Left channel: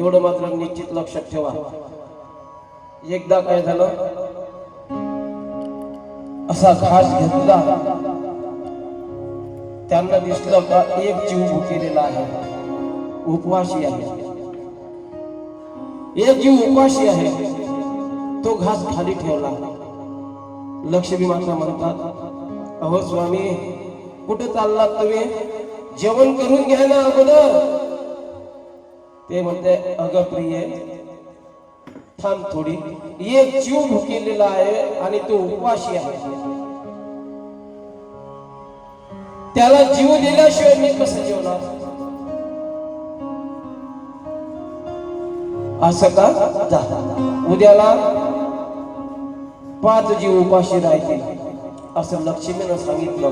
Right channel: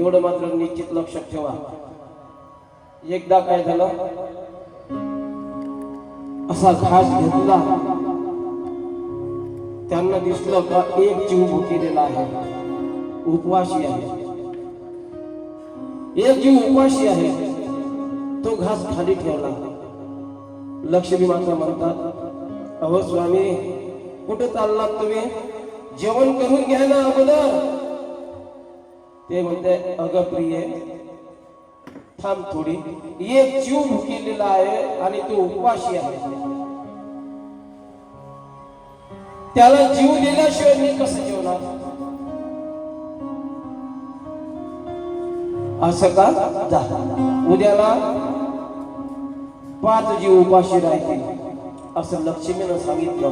एवढं मात्र निश्चित लक्षात ठेवा. एकदा काय झालं? असा घास घेतला. त्यांना दिसलं का एक जीव भुकेलेला आहे. उपवाशी आहे. एक जीव उपाशी आहे. तो घास खाली ठेवला. लक्ष्मी मात्र म्हणतात अहो स्वामी कुठं चाललात तुम्ही? जेवण करून घ्या ना अगोदर. ते म्हणते अगं प्रिय थांब थोडी. एक जीव भुकेलेला आहे आणि तो उपवाशी आहे. त्याला जीव दिल्याशिवाय मी कसं जेवणार? असं का? जा. उद्याला पाच जीव उपाशी राहतील असं लक्ष्मीनं सांगितलं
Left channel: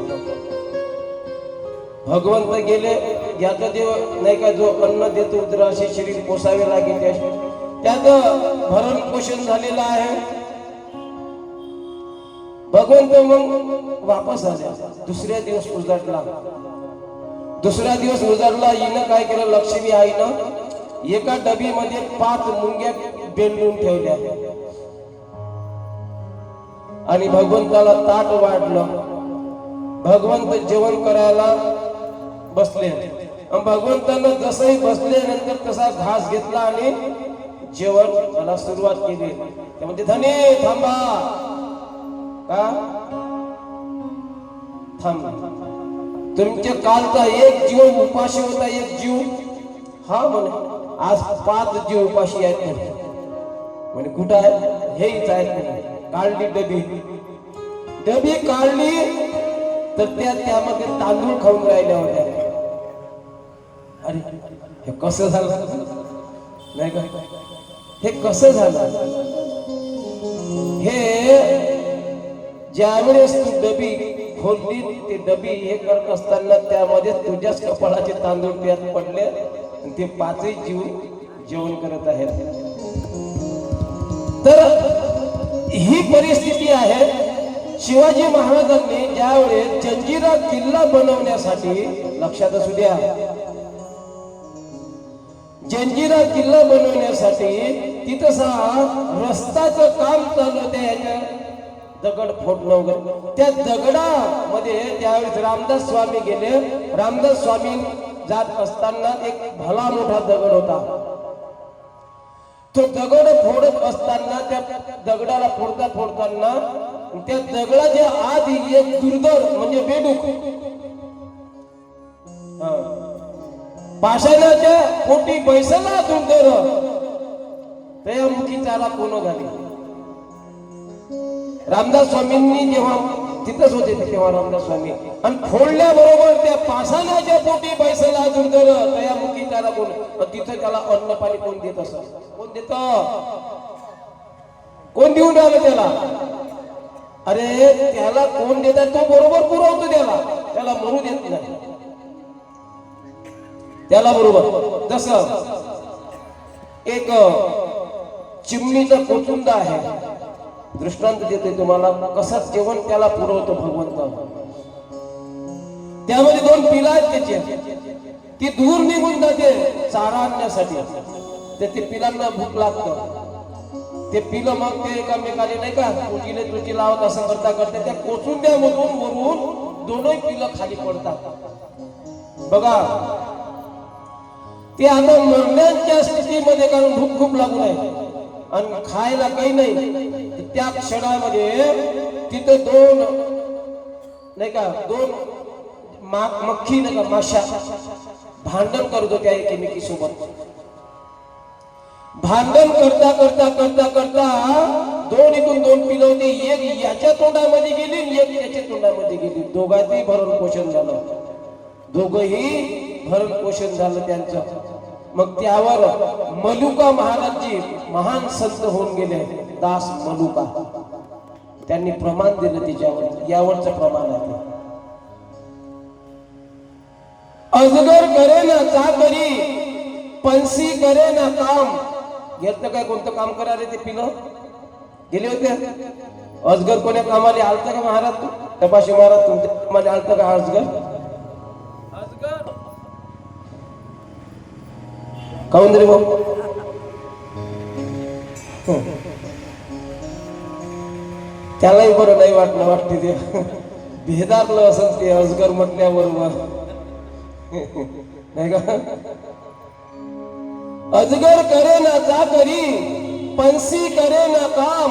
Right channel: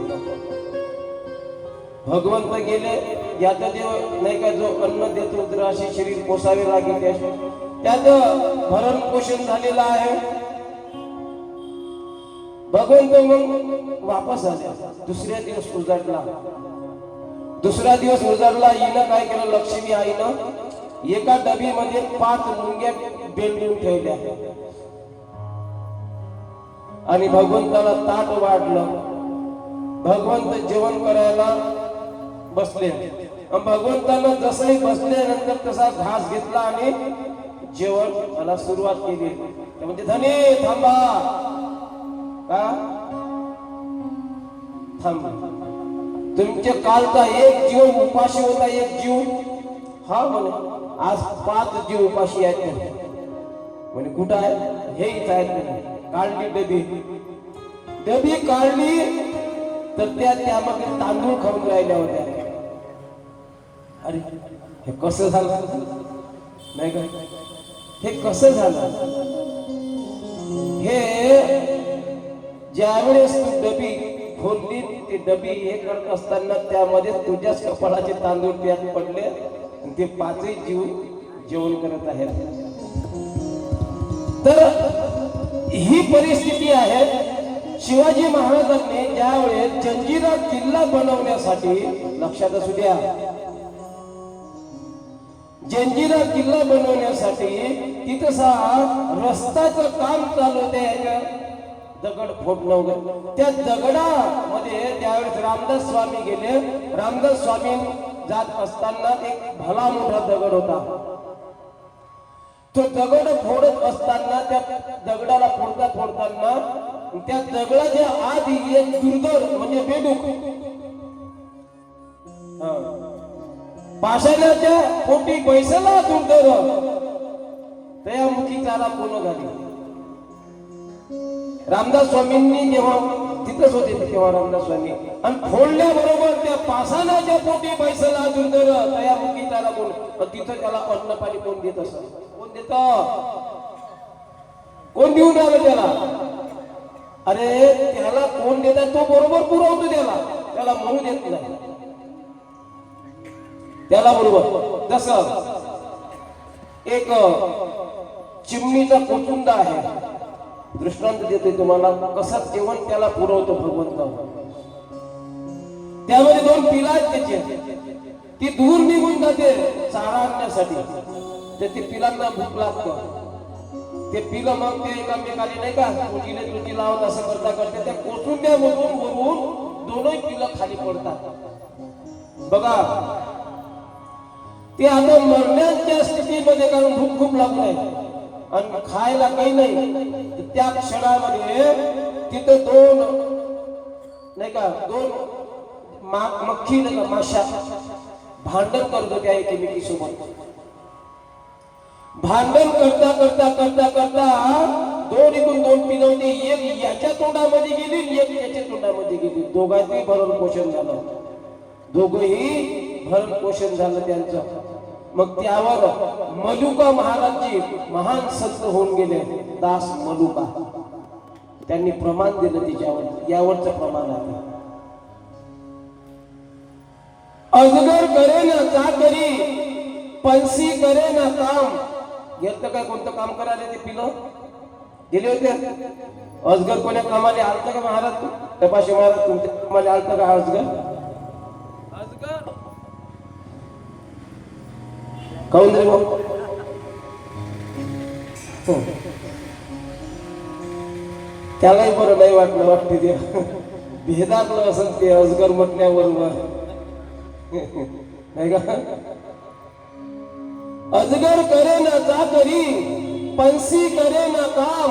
भगवंत गेले याचा देव नाही का जो अन्न देतो तर असे शरीर पोसावे लागेल त्यात भरण पोषण झालेलं आहे. भगवंत मग वापस आले. दुसऱ्या दिवस उजाडला. दुसरा दिवस उजाडला हिनं काय केलं? लक्ष्मी आईनं एका डबीमध्ये पाच मुंग्या बेलून ठेवल्या. आणि भगवंताला ताट वाढलं. भगवंत जेवण करायला बसले. आणि भगवंतानं जसंही बसल्यानंतर तसा घास घेतला आणि जेवण त्याला सुरुवात केली. त्यामध्ये धने थांबा. का? थांब. तुमच्या कालचा एक जीव उपाशी होता एक जीव. हा म्हणे आज पाच जीव उपाशी आहेत म्हणे. म्हणे कुठं आहे हे इथं आहेत म्हणे. काढली डबी. डबी काढली तर त्या त्यामध्ये तांदूळ खाऊन राहिल्या होत्या. अरे हे कसं झालं? नाही का? हे कसं झालं? हे ज्यावेळेस तू डबी खोलली ती डबी हे करत असताना त्यामध्ये तुझ्याच कपाळाचे तांदूळ त्यात पडले आणि ते पाचही जीव जेवण करत आहेत. तर ही परिस्थिती आहे शिवाजी महाराजांनी ज्यावेळेस जंजिरा किल्ला बनवण्यासाठी लक्षात असू द्या जंजिरा किल्ला बनवण्यासाठी तिथंसा रस्ताचं काम चालू होते याच्या दगड फोडणं वगैरे. त्या दगडामध्ये त्यावेळेस रामदास स्वामी गेले. रामदास स्वामी जात असताना एक भला मोठा दगड होता. तो दगड फोडत असताना त्या दगडाला फोडता फोडताना त्या दगडाच्या आधी एक दुर्धर म्हणजे बेडूक पाषाणाच्या पोटी बैसला दुर्धर त्या मुखी त्याला कोण झाली रामदास स्वामींनी जेव्हा तिथंच होते तेव्हा रामदास स्वामी. आणि फोडल्याबरोबर त्या पाषाणाच्या पोटी बैसला दुर्धर त्या मुखी त्याला कोण तिथं त्याला अन्न पाणी कोण देत असत कोण देत? कोण देऊन राहिलं त्याला? अरे त्याला कोण देत तो बरोबर पुरवतो त्याला. त्याला मरू देत नाही. त्याला बरोबर. जस एक चिमणीचा कोचुंदा आहे. दृष्टांत देते तुम्हाला कसं जेवण त्याला पुरवतो भगवंत. त्यामध्ये दोन पिला आहेत त्याचे. ती दूर निघून जाते चारा आणण्यासाठी. तर ते पिलांना भूक लागतं. ते पिलं मग ते एकामेकाने नाही का तुझीले तुझी लावत असं करता करता त्या कोचुंद्यामधून वरून दोनही पिलं खाली पडतात. बघा ते आता मरण्याच्या स्थितीमध्ये कारण भूक खूप लागलाय. आणि खायला काही नाही. त्या क्षणामध्ये तिथं दोन नाही का दोन मक्खी नाही का माशा भांडण करत होत्या एकमेकी सोबत भांडण करता करता करता करता दोन इथून दोन पिलवते एक याच्या तोंडामध्ये गेली एक याच्या तोंडामध्ये गेली. दोघांचही भरण पोषण झालं. दोघही भरण पोषण झालं त्यांचं. मग त्यावर मलुका महाराजजी महान संत होऊन गेले. दास मलुका त्यांनी प्रमाण दिलं तिच्यावर. यावरचं प्रमाण आहे. अजगर करे ना चाकरी पंसी करे ना काम. घेतलं काय कोणतं काम करायला ते पिलं? गेले होते? अजगर कोण्या कामाला आलता का महाराज तू? तपाशी महाराज तुमच्या कामाला आलतं का अजगर? अजगर? काऊन रे भाऊ त्यालाही बरं नाही वाटलं वाटते ते. भेदारलं असं ते अजगर म्हटल्याबरोबर. नाही का? अजगर करे ना जा करी पंसी करे ना काम.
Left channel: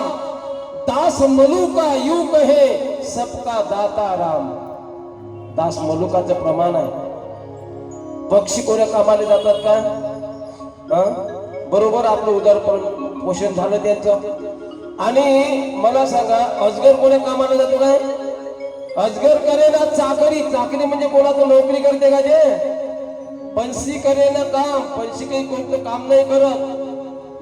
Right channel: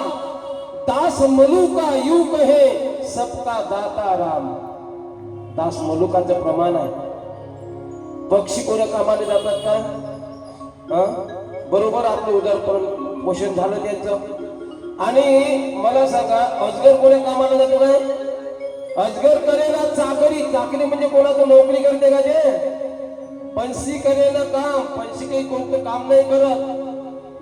दास मलुका यू कहे सबका दाता राम. दास मलुकाचं प्रमाण आहे. पक्षी कोण्या कामाला जातात का? बरोबर आपलं उदार पोषण झालं त्यांचं. आणि मला सांगा अजगर कोणी कामाला जातो काय? अजगर करे ना चाकरी. चाकरी म्हणजे कोणाचं नोकरी करते का जे? पंशी करे ना काम. पंशी काही कोणतं काम नाही करत.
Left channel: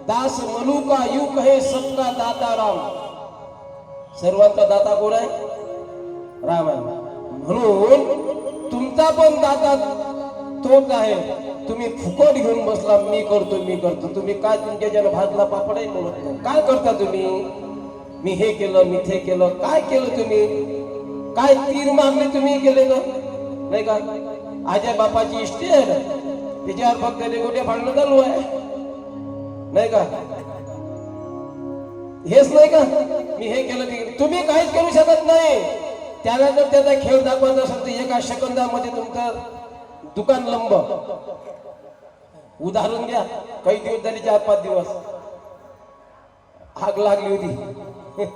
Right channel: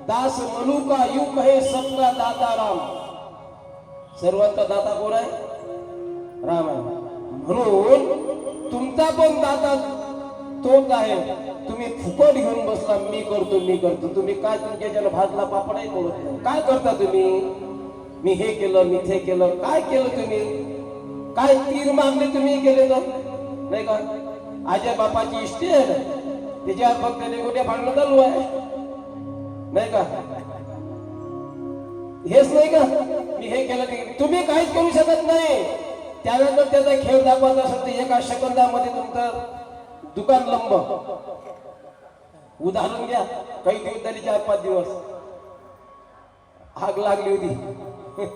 दास मलुका युग हे सबका दाता राम. सर्वांचा दाता कोण आहे? राम आहे म्हणून तुमचा पण दाता तोच आहे. तुम्ही फुकट घेऊन मी करतो मी करतो? तुम्ही काय तुमच्या ज्याला भाजला पापडही बोलत नाही. काय करता तुम्ही? मी हे केलं मी ते केलं. काय केलं तुम्ही? काय तीन मागणी तुम्ही केले का नाही का? आजय बापाची इष्टी आहे ना? त्याच्यावर फक्त गोट्या भांडणं चालू आहे. नाही का? हेच नाही का? मी हे केलं की तुम्ही काहीच करू शकत नाही. त्याला जर त्याचा खेळ दाखवायचा असेल तर एका सेकंदामध्ये तुमचं दुकान लंब. उदाहरण घ्या. काही दिवस झाले चार पाच दिवस. आग लागली होती.